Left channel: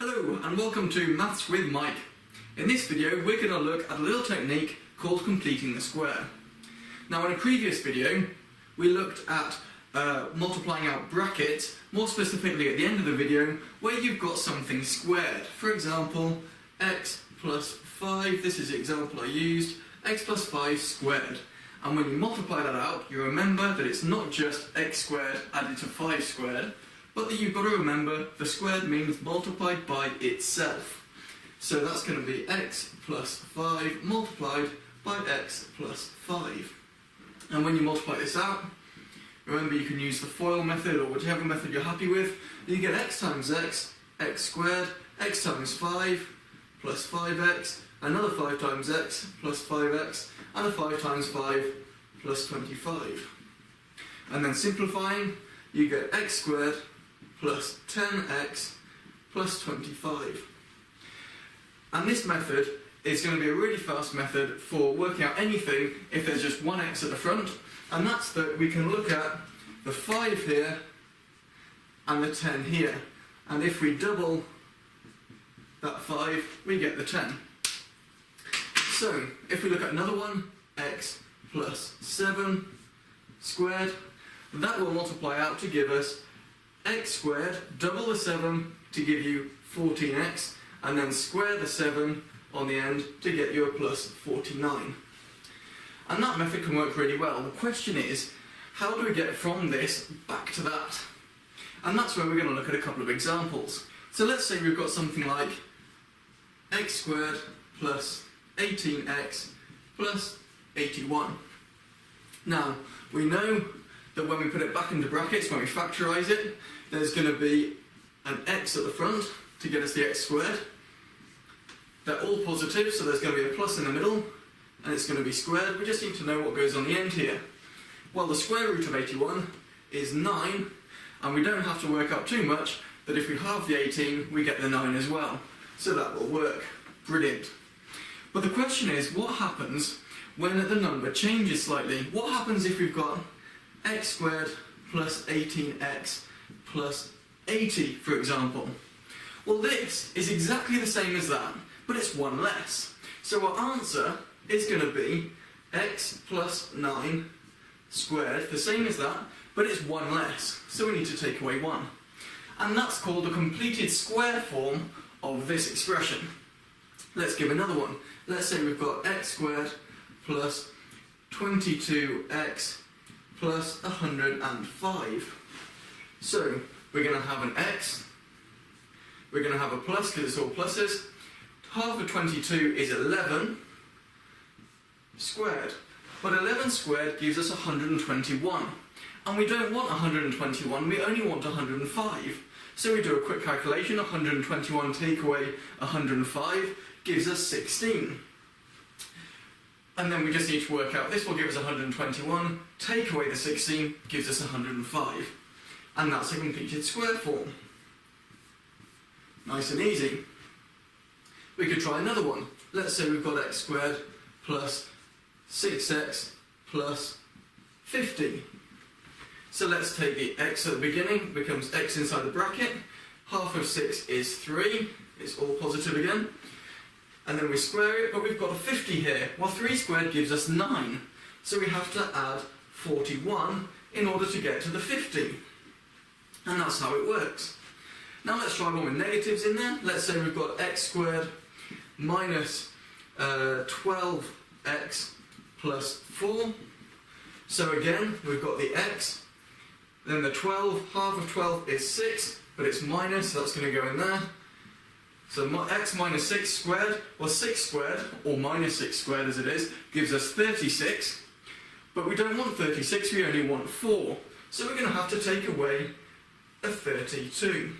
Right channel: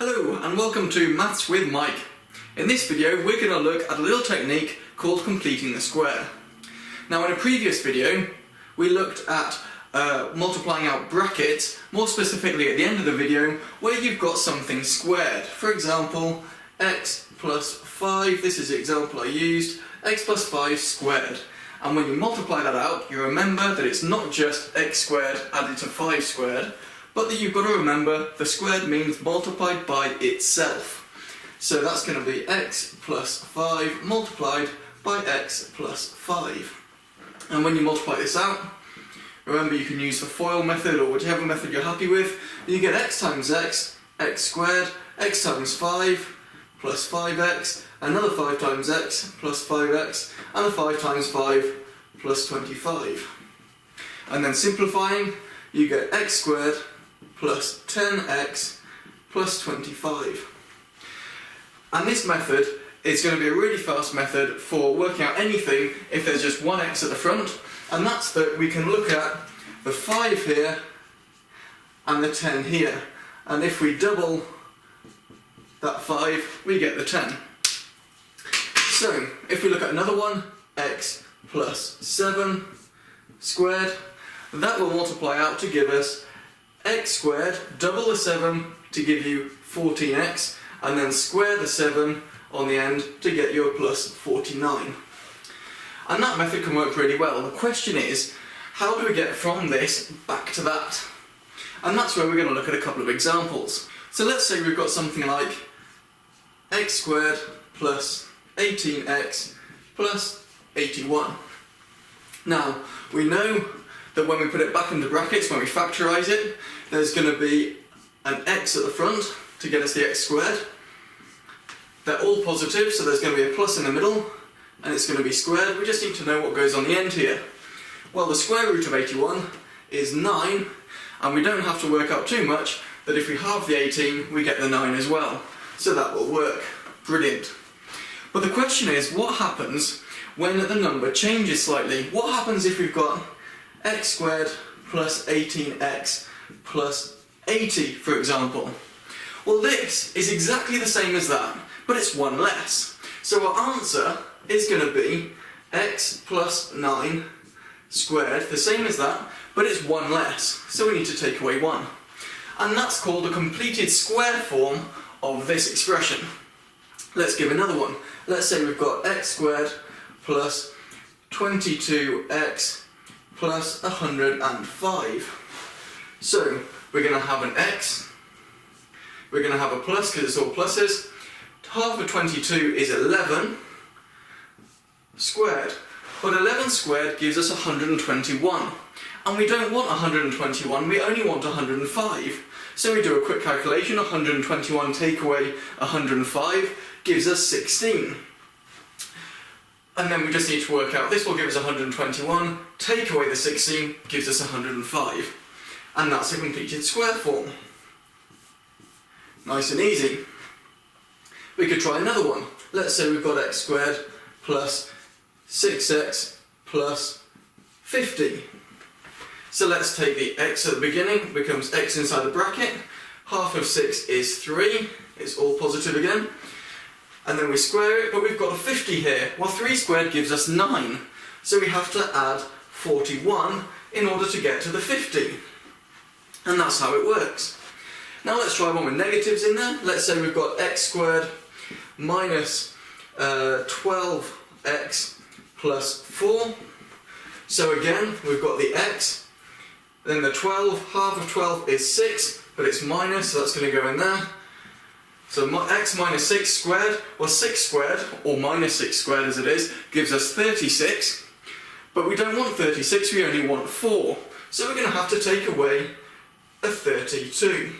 Hello and welcome to Maths with Mike. In this video we're going to look at a little technique called completing the square. Now in a previous video we looked at multiplying out brackets, more specifically at the end of the video where you've got something squared. For example, x plus 5, this is the example I used, x plus 5 squared. And when you multiply that out, you remember that it's not just x squared added to 5 squared, but that you've got to remember the squared means multiplied by itself. So that's going to be x plus 5 multiplied by x plus 5. And when you multiply this out, remember you can use the FOIL method or whichever method you're happy with. You get x times x squared, x times 5 plus 5x, another 5 times x plus 5x, and a 5 times 5 plus 25. And then simplifying, you get x squared plus 10x plus 25. And this method is going to be a really fast method for working out anything if there's just one x at the front, and that's that we can look at the 5 here and the 10 here, and if we double that 5 we get the 10. So if we look at another one, x plus 7 squared, that will multiply out to give us x squared, double the 7 to give you 14x, and then square the 7 on the end to get you a plus 49. And that method can work really well. The question is, how do we get from this back to that? And that's where we're going to look at a couple of examples. So let's say we've got something like x squared plus 18x plus 81. Now, we know that when we put it back into brackets, when we factorise it, there's going to be an x at the front to get us the x squared. They're all positive, so there's going to be a plus in the middle, and it's going to be squared. We just need to know what goes on the end here. Well, the square root of 81 is 9, and we don't have to work out too much, that if we halve the 18, we get the 9 as well. So that will work. Brilliant. But the question is, what happens when the number changes slightly? What happens if we've got x squared plus 18x plus 80, for example? Well, this is exactly the same as that, but it's one less. So our answer is going to be x plus 9 squared, the same as that, but it's one less. So we need to take away 1. And that's called a completed square form of this expression. Let's give another one. Let's say we've got x squared plus 22x plus 105. So we're going to have an x, we're going to have a plus because it's all pluses. Half of 22 is 11 squared, but 11 squared gives us 121. And we don't want 121, we only want 105. So we do a quick calculation, 121 take away 105 gives us 16. And then we just need to work out, this will give us 121, take away the 16 gives us 105. And that's a completed square form. Nice and easy. We could try another one. Let's say we've got x squared plus 6x plus 50. So let's take the x at the beginning, becomes x inside the bracket. Half of 6 is 3, it's all positive again. And then we square it, but we've got a 50 here. Well, 3 squared gives us 9. So we have to add 41 in order to get to the 50. And that's how it works. Now let's try one with negatives in there. Let's say we've got x squared minus 12x plus 4. So again, we've got the x, then the 12, half of 12 is 6, but it's minus, so that's going to go in there. So x minus 6 squared, well 6 squared, or minus 6 squared as it is, gives us 36. But we don't want 36, we only want 4. So we're going to have to take away a 32.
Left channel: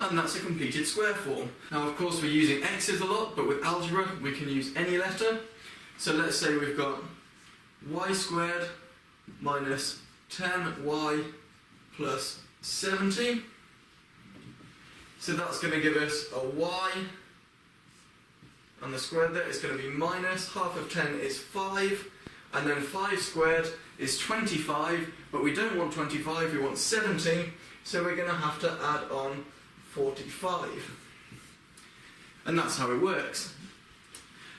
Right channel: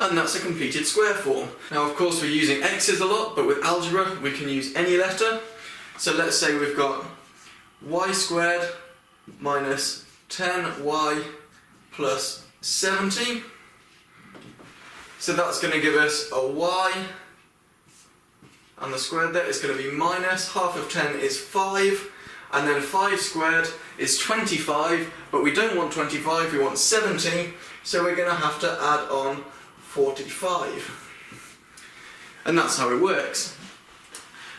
And that's a completed square form. Now of course we're using x's a lot, but with algebra we can use any letter. So let's say we've got y squared minus 10y plus 70. So that's going to give us a y, and the squared there is going to be minus, half of 10 is 5, and then 5 squared is 25, but we don't want 25, we want 70, so we're going to have to add on 45. And that's how it works.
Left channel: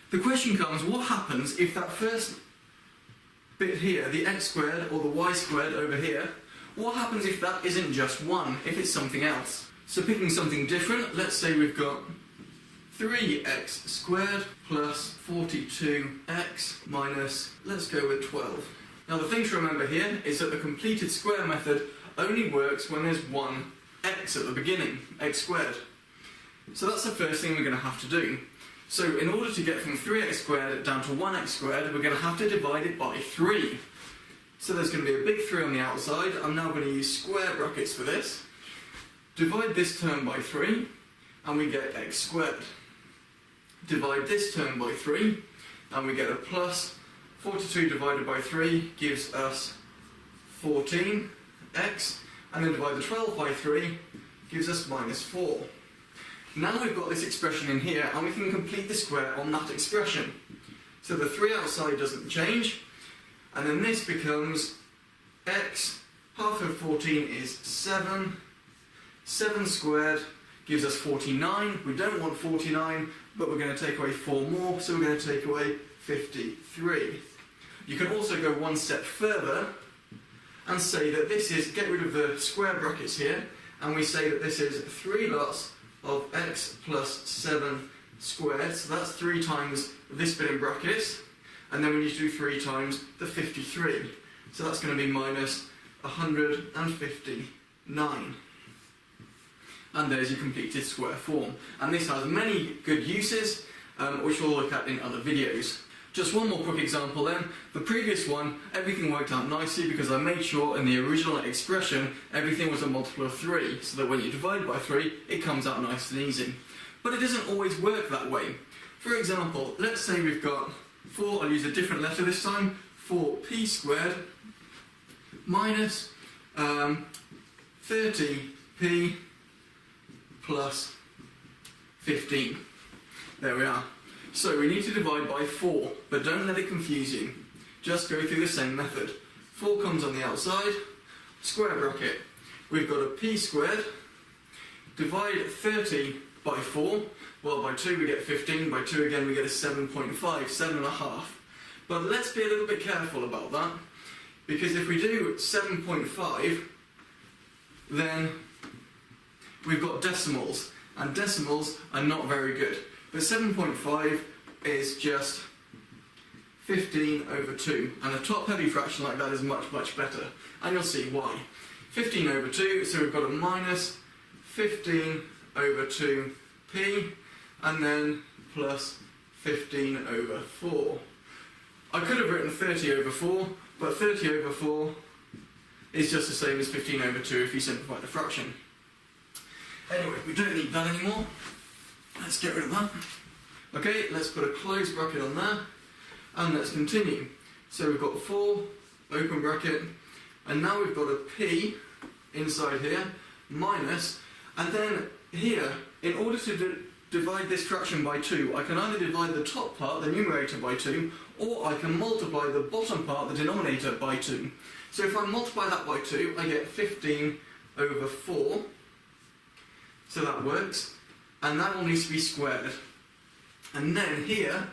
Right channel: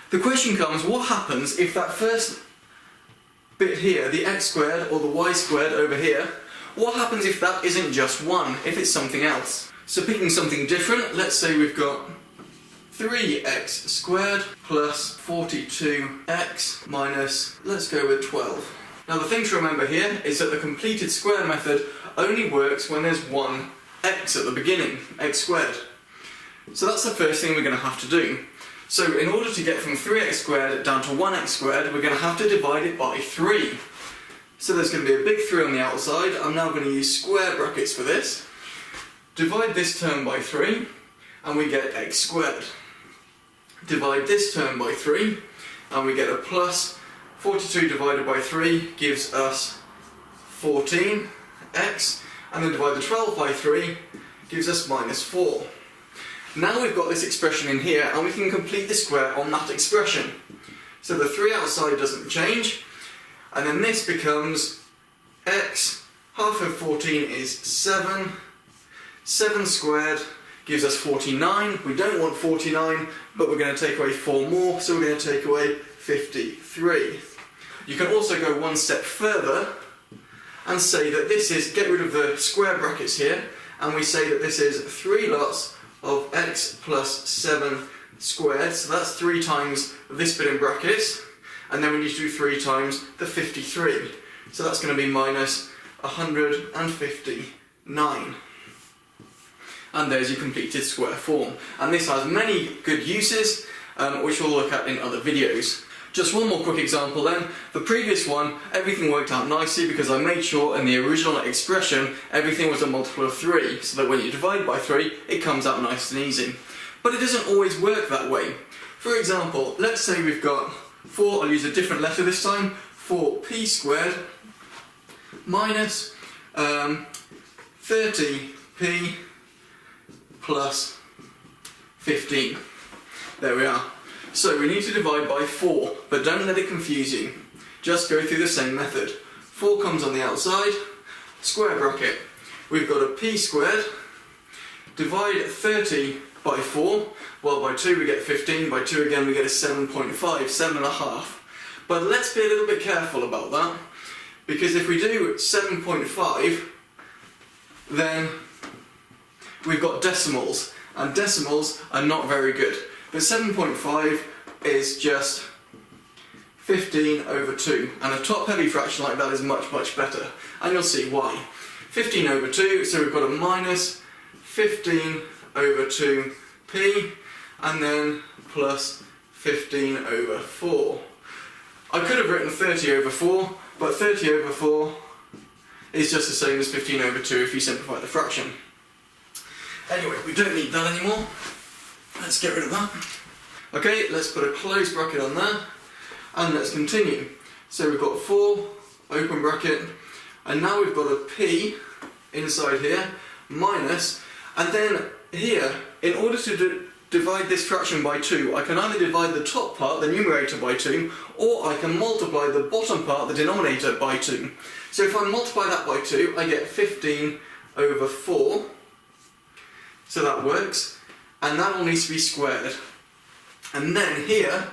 The question comes, what happens if that first bit here, the x squared or the y squared over here, what happens if that isn't just 1, if it's something else? So picking something different, let's say we've got 3x squared plus 42x minus, let's go with 12. Now the thing to remember here is that the completed square method only works when there's one x at the beginning, x squared. So that's the first thing we're going to have to do. So in order to get from 3x squared down to 1x squared, we're going to have to divide it by 3. So there's going to be a big 3 on the outside. I'm now going to use square brackets for this. Divide this term by 3, and we get x squared. Divide this term by 3, and we get a plus. 42 divided by 3 gives us 14x, and then divide the 12 by 3 gives us minus 4. Now we've got this expression in here, and we can complete the square on that expression. So the 3 outside doesn't change, and then this becomes x, half of 14 is 7, 7 squared gives us 49. We don't want 49, but we're going to take away 4 more, so we're going to take away 53. You can also go one step further and say that this is, get rid of the square brackets here, and we say that this is 3 lots of x plus 7 squared, so that's 3 times this bit in brackets, and then we need to do 3 times the 53. So that's going to be minus 159. And there's your completed square form. And this has many good uses, which we'll look at in other videos. Just one more quick example then. The previous one, everything worked out nicely because I made sure in the original expression everything was a multiple of 3, so that when you divide by 3 it comes out nice and easy. But it doesn't always work that way. For example, let's say we've got 4, I'll use a different letter this time, 4p squared minus 30p plus 15. There we are. So we need to divide by 4, but don't let it confuse you. Just go through the same method. 4 comes on the outside, square bracket. We've got a p squared, divide 30 by 4, well by 2 we get 15, by 2 again we get a 7.5, 7.5. But let's be a little bit careful about that, because if we do 7.5, then we've got decimals, and decimals are not very good. But 7.5 is just 15 over 2, and a top-heavy fraction like that is much, much better. And you'll see why. 15 over 2, so we've got a minus 15 over 2p, and then plus 15 over 4. I could have written 30 over 4, but 30 over 4 is just the same as 15 over 2 if you simplify the fraction. Anyway, we don't need that anymore. Let's get rid of that. Okay, let's put a closed bracket on there, and let's continue. So we've got 4, open bracket, and now we've got a p inside here, minus, and then here, in order to divide this fraction by 2, I can either divide the top part, the numerator, by 2, or I can multiply the bottom part, the denominator, by 2. So if I multiply that by 2, I get 15 over 4, so that works. And that all needs to be squared. And then here,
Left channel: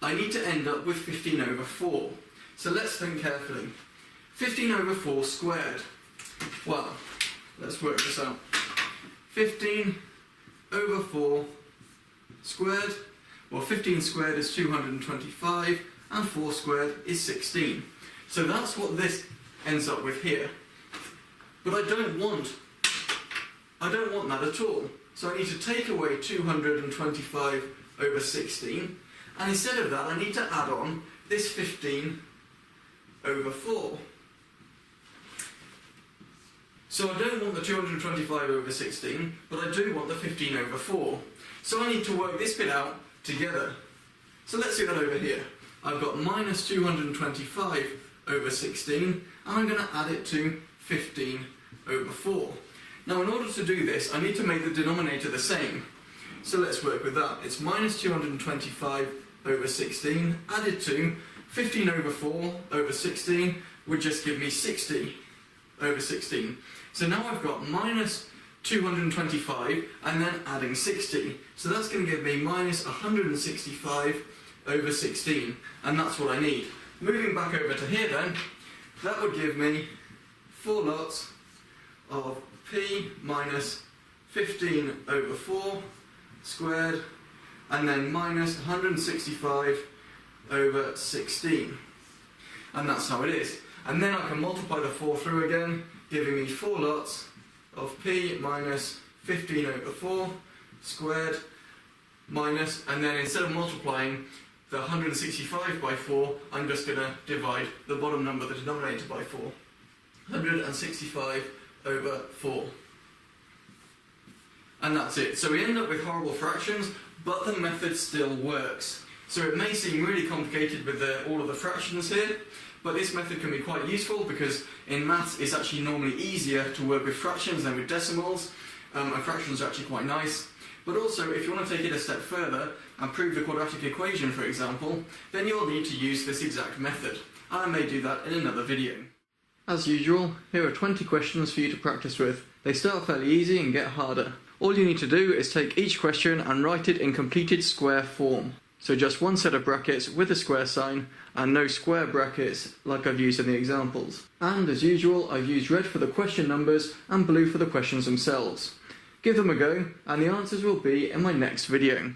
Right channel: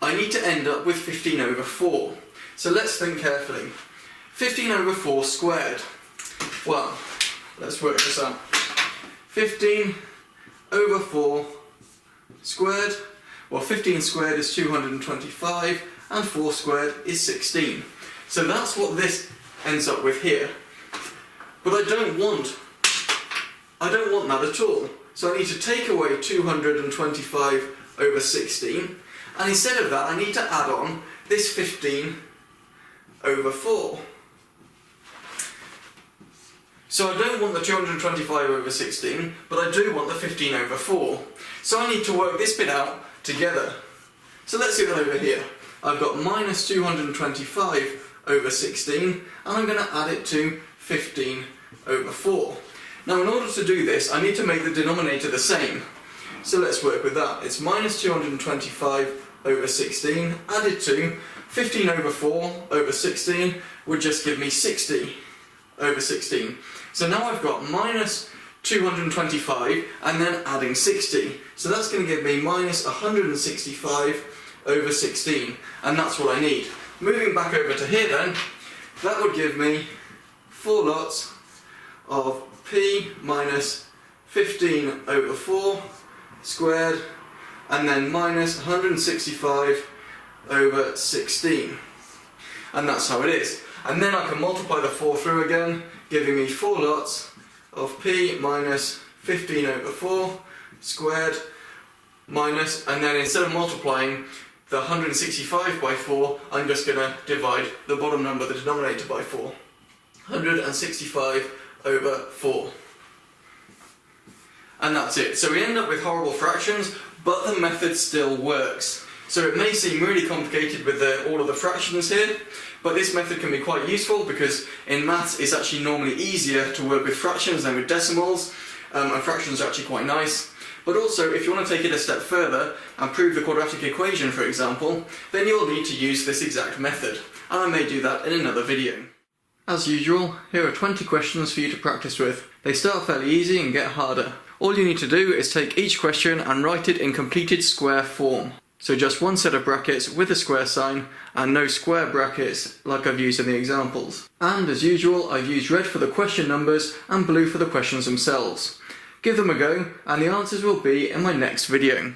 I need to end up with 15 over 4. So let's think carefully. 15 over 4 squared. Well, let's work this out. 15 over 4 squared. Well, 15 squared is 225, and 4 squared is 16. So that's what this ends up with here. But I don't want that at all. So I need to take away 225 over 16, and instead of that I need to add on this 15 over 4. So I don't want the 225 over 16, but I do want the 15 over 4. So I need to work this bit out together. So let's do that over here. I've got minus 225 over 16, and I'm going to add it to 15 over 4. Now in order to do this, I need to make the denominator the same. So let's work with that. It's minus 225 over 16 added to 15 over 4 over 16 would just give me 60 over 16. So now I've got minus 225 and then adding 60. So that's going to give me minus 165 over 16, and that's what I need. Moving back over to here then, that would give me 4 lots of p minus 15 over 4 squared, and then minus 165 over 16. And that's how it is. And then I can multiply the 4 through again, giving me 4 lots of p minus 15 over 4 squared minus, and then instead of multiplying the 165 by 4, I'm just going to divide the bottom number, the denominator, by 4. 165 over 4. And that's it. So we end up with horrible fractions, but the method still works. So it may seem really complicated with all of the fractions here, but this method can be quite useful because in maths it's actually normally easier to work with fractions than with decimals, and fractions are actually quite nice. But also, if you want to take it a step further and prove the quadratic equation, for example, then you'll need to use this exact method, and I may do that in another video. As usual, here are 20 questions for you to practice with. They start fairly easy and get harder. All you need to do is take each question and write it in completed square form. So just one set of brackets with a square sign and no square brackets like I've used in the examples. And as usual, I've used red for the question numbers and blue for the questions themselves. Give them a go and the answers will be in my next video.